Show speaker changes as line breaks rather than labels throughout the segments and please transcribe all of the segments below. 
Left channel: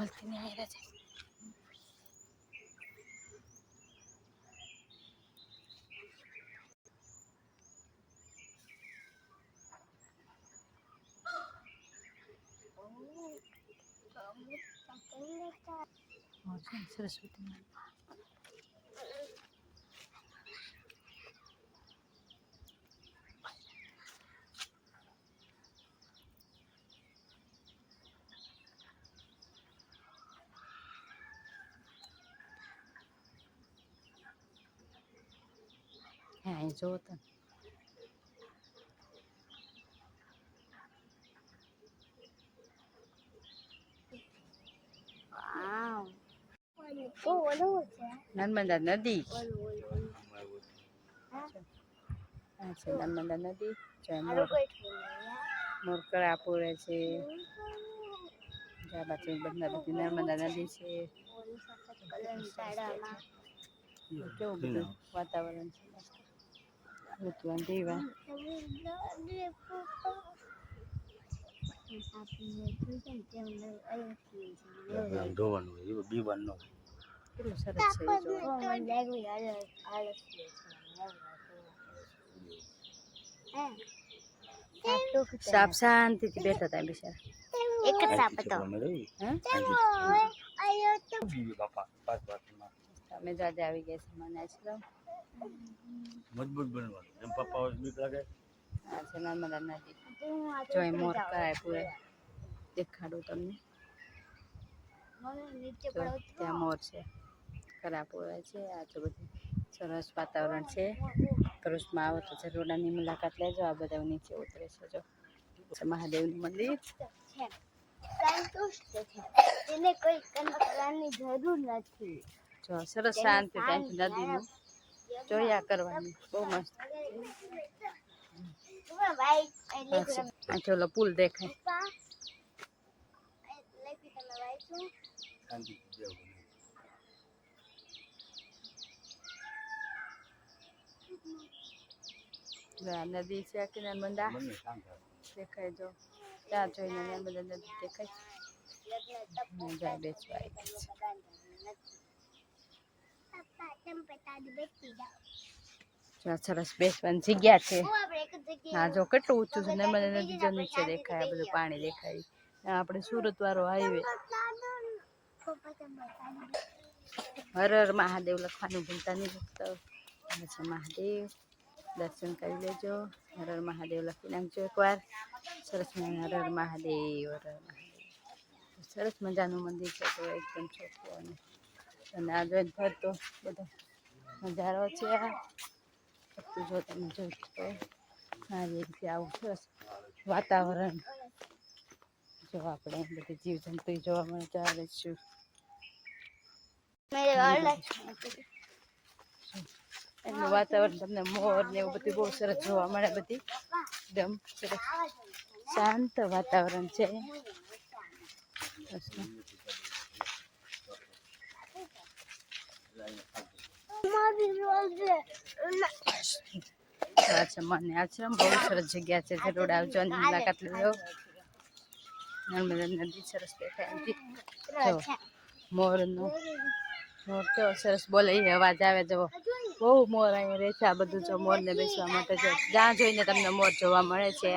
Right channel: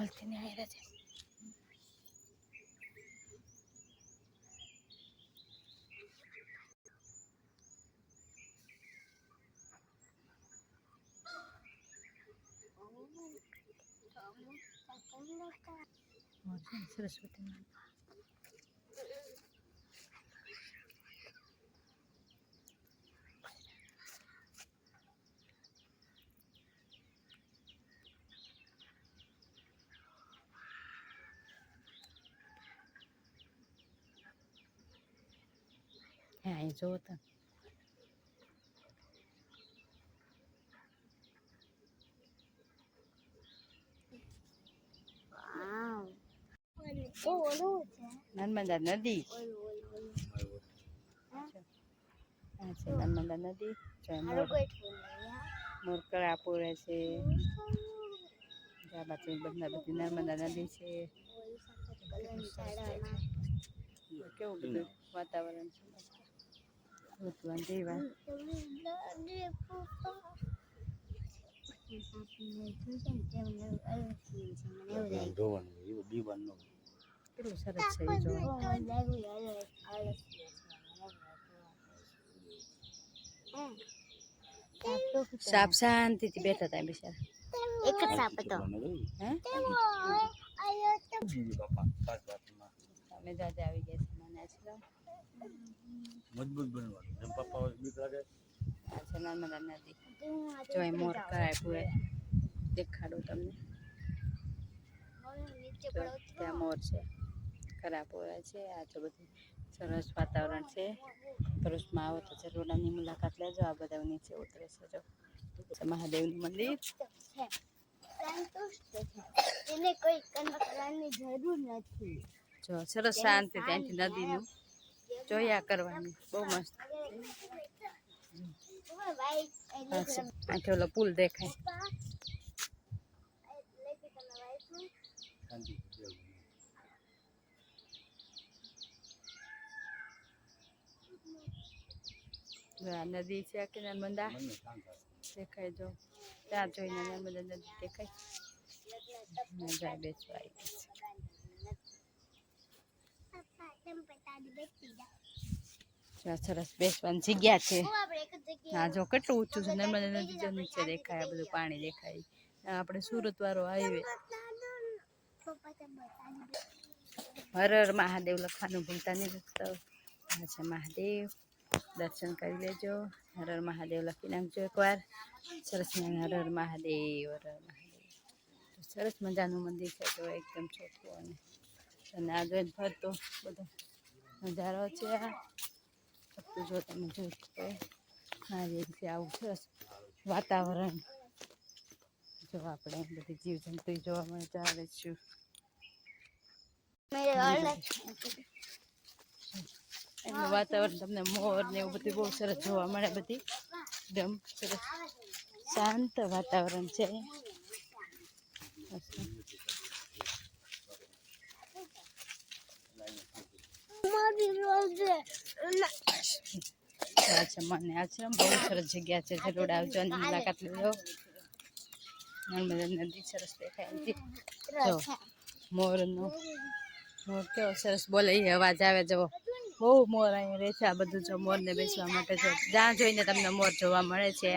નહીં આવેલા છે સરસ્વતી માતા. હા અહીં જોવો તમે નર્મદા નદી આ છે નર્મદા નદી જ્યાં મોર મોર કળા પૂરે છે જ્યાં બાજુ બધા બધી નર્મદા નદી છે કેવું બધું વાતાવરણ છે ઋતુવાન દીવા
ધોવાનું હોય બીવાનું
કેટલું સરસ છે એ જોવા સાપ શાંતિથી બેઠા હતા બિચારા
એક જ સાપ હતો
હે
બાપા પાસ બાપમાં
તમે તો આજે આવી ગયા છે મને છે
મજબૂત બનવાનું. એમ પપ્પા હોય બીક લાગે.
આ છે નર્મદા નદી જો અહીં મોર થાય પૂરે. દેખાડું તમને. ત્યાં મોર છે. ખરાબ હોય છે. આ તો બધું સરસ વાતાવરણ છે. ભરૂચમાં આવો તો જરૂર આની મુલાકાત લેજો. આ બધા નીચે ઉતરે છે. જો મહાદેવનું મંદિર.
સંતુષ્ટ છે. એને કોઈ કરવાની જરૂર નથી.
જો સરસ શાંતિ ત્યાંથી નદીનું. જોયા કરવાનું. બહુ મસ્ત. આથી ઓલો પુલ દેખાય. નદી છે કે નર્મદા દેખાય જો. ત્યાં જોઈને નર્મદા નદી દેખાય જાય બેસવા આવી ગઈ છે જો આ સરસ બેસવાની જગ્યા છે. હા જો કેટલું ઊંચું છે નર્મદા નદી જો નીચે દેખાય બધું પાણી દેખાય. આપણે સુરત વાળો હાઈવે. હર હર મહાદેવ લખવાનું ભૂલતા નહીં લખતા છે મહાદેવ. દર્શન કરી લેજો. હર હર મહાદેવ લખી નાખજો એકવાર. સરસ હર હર મહાદેવ હર હર મહાદેવ. સરસ મજાનું મંદિર છે તો એકદમ ચોખ્ખું અને અને આગળ ફરતો બધો. નજારો છે. જો તમે જોઈ શકાય. આ રીતે આવું સરસ વાતાવરણ જો આપણે બધી જીવજંતુ જોવા મળે ચાલે છું એનું વાતાવરણ તમને મોર ને એવું બધું બહુ સરસ જોવા મળે બધી. એકદમ સરસ. શાંત વાતાવરણ છે આ છે મને આ છે. બહુ સરસ જગ્યા છે. જરૂર આવજો અને મુલાકાત લેજો નર્મદા નદી સરસ દેખાય. જો મોરનો મોર કેવો સરસ બોલે એ અવાજ આવે જવો. બહુ મોર અહીં રહે છે આ બધું જો મોરને બેસવા માટે જો. જ્યાં જોઈને તમને મોર જોવા મળે છે.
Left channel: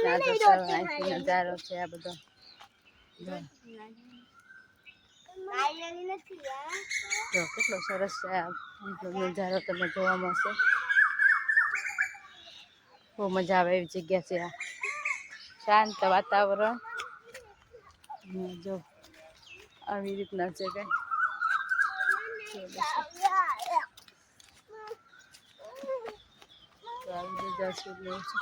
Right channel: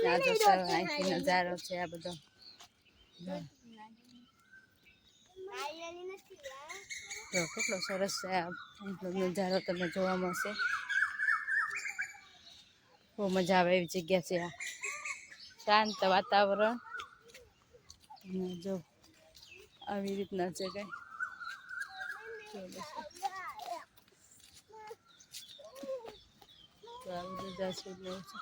ત્યાં જો નજારો છે આ બધો. જો કેટલો સરસ છે નજારો તમને જોવા મળશે. બહુ મજા આવે એવી જગ્યા છે આ. શાંત વાતાવરણ. જો આવી રીતના છે કઈ. આવી એવું છે